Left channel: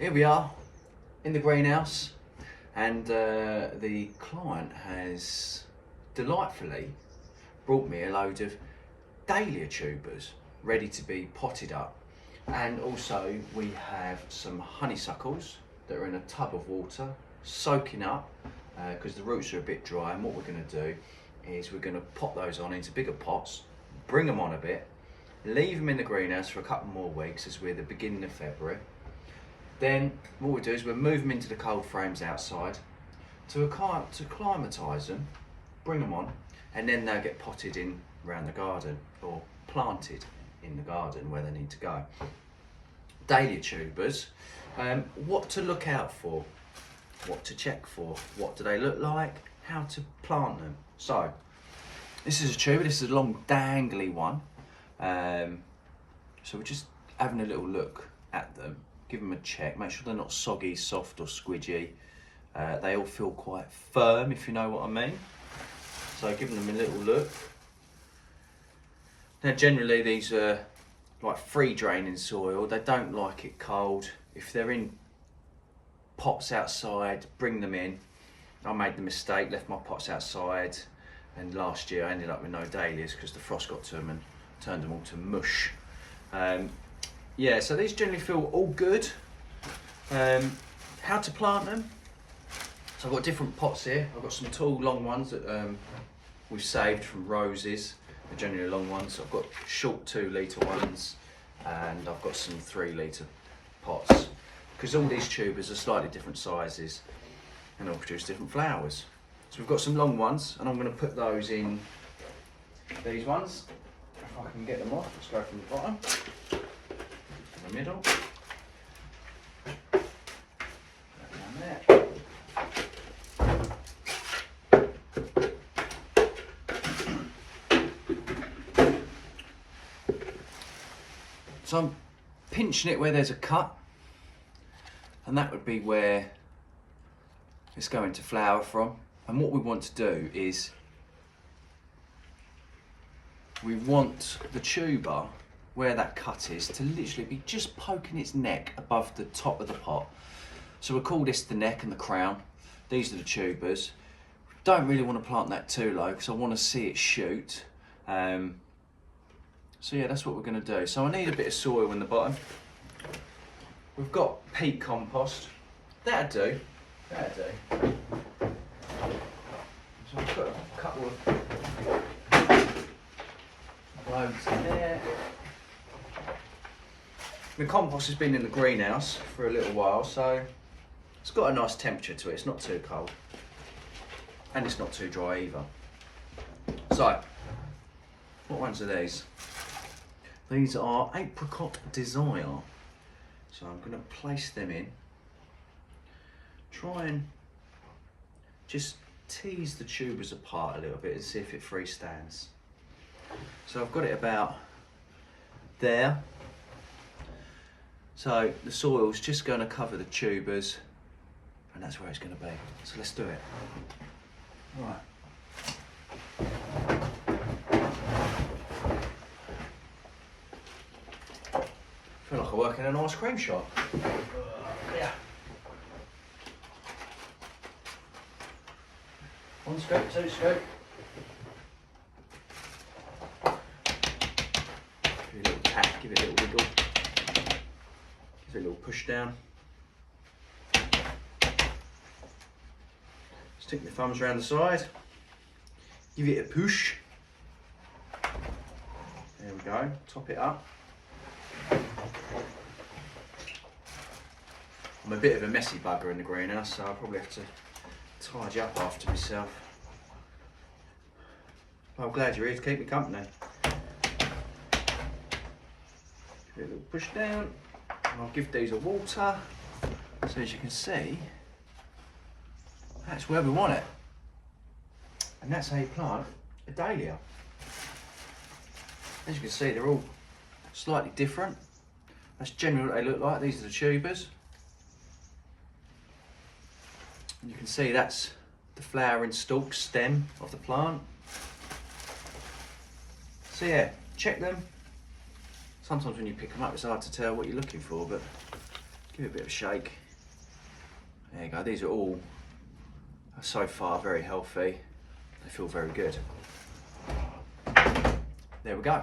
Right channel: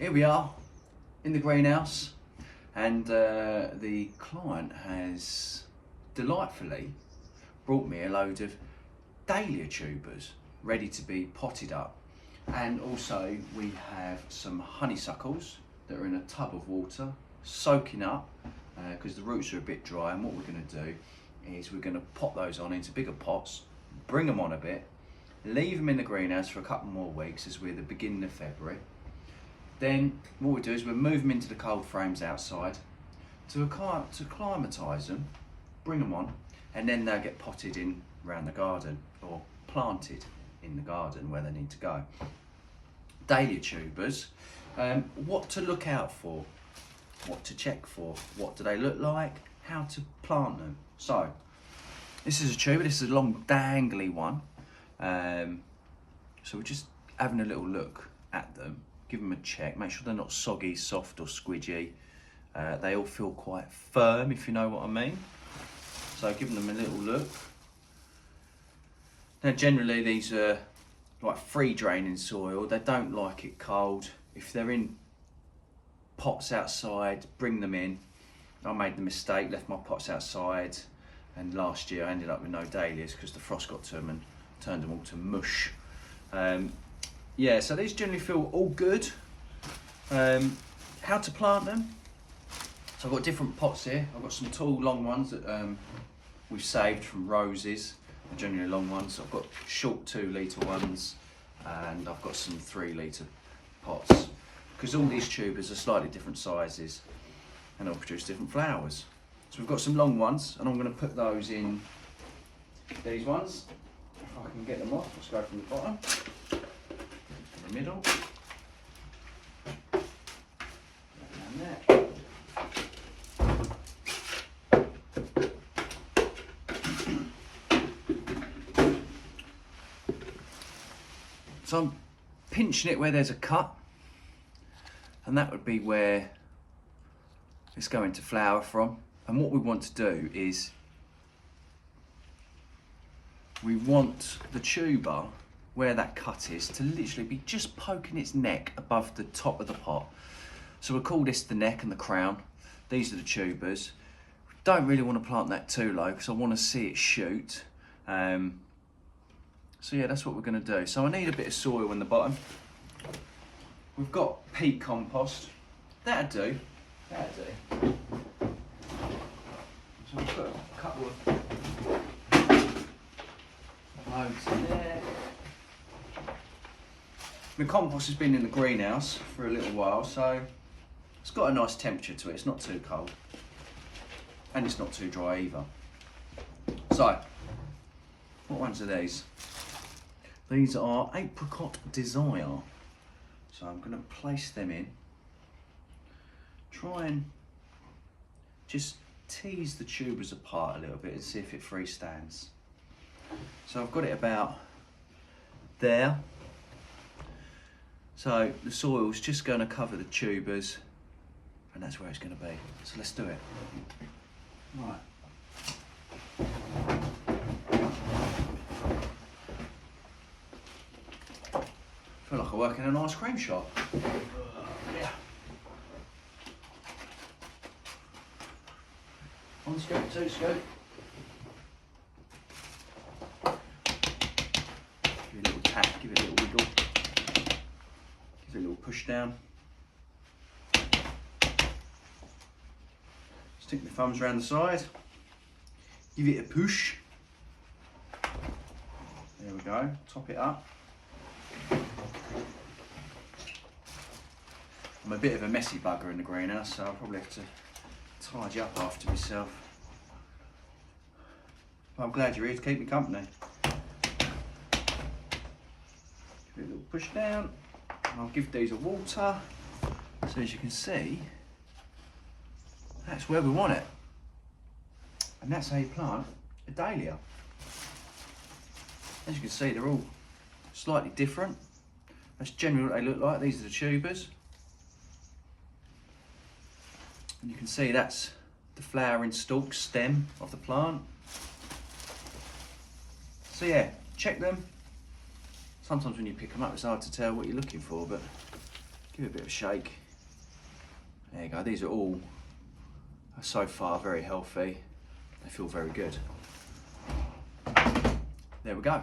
here we are in the greenhouse, and the client has delightfully brought me a load of dahlia tubers ready to be potted up, and also we have some honeysuckles that are in a tub of water soaking up because the roots are a bit dry. And what we're going to do is we're going to pot those on into bigger pots, bring them on a bit, leave them in the greenhouse for a couple more weeks as we're the beginning of February. Then what we'll do is we'll move them into the cold frames outside to acclimatise them, bring them on, and then they'll get potted in around the garden or planted in the garden where they need to go. Dahlia tubers, what to look out for, what to check for, what do they look like, how to plant them. So this is a tuber, this is a long dangly one. So we're just having a little look at them, give them a check, make sure they're not soggy, soft or squidgy. They all feel quite firm, if you know what I mean. So giving them a little look. Now generally these are like free draining soil, they don't like it cold. If they're in pots outside, bring them in. I made the mistake, left my pots outside, and last year I ended up with no dahlias because the frost got to them and turned them all to mush. Yeah, so these generally feel all good. How to plant them? So I've got different pots here. I've got some tall, long ones that we've saved from roses. They're generally long ones. I've got short 2 litre ones, and I've got some 3 litre pots, because all these tubers are slightly different sizes and they'll produce different flowers. So we've got some long ones, and I'm going to put those in these ones. If I can get them off, let's go from the bottom to the middle. Down there. So I'm pinching it where there's a cut, and that would be where it's going to flower from. And what we want to do is we want the tuber where that cut is to literally be just poking its neck above the top of the pot. So we'll call this the neck and the crown. These are the tubers. Don't really want to plant that too low because I want to see it shoot. So yeah, that's what we're going to do. So I need a bit of soil in the bottom. We've got peat compost. That'll do. That'll do. So I'll put a couple of loads in there. The compost has been in the greenhouse for a little while, so it's got a nice temperature to it. It's not too cold, and it's not too dry either. So, what ones are these? These are Apricot Desire. So I'm going to place them in. Try and just tease the tubers apart a little bit and see if it freestands. So I've got it about there. So the soil's just going to cover the tubers, and that's where it's going to be. So let's do it. Right. I feel like I work in an ice cream shop. Yeah. One scoop, 2 scoop. Give it a little tap, give it a little wiggle. Give it a little push down. Stick the thumbs around the side. Give it a push. There we go, top it up. I'm a bit of a messy bugger in the greenhouse, so I'll probably have to tidy up after myself. But I'm glad you're here to keep me company. Give it a little push down. I'll give these a water. So as you can see, that's where we want it. And that's how you plant a dahlia. As you can see, they're all slightly different. That's generally what they look like. These are the tubers. And you can see that's the flowering stalk stem of the plant. So yeah, check them. Sometimes when you pick them up, it's hard to tell what you're looking for, but Give it a bit of a shake. There you go. These are all so far very healthy. They feel very good. There we go.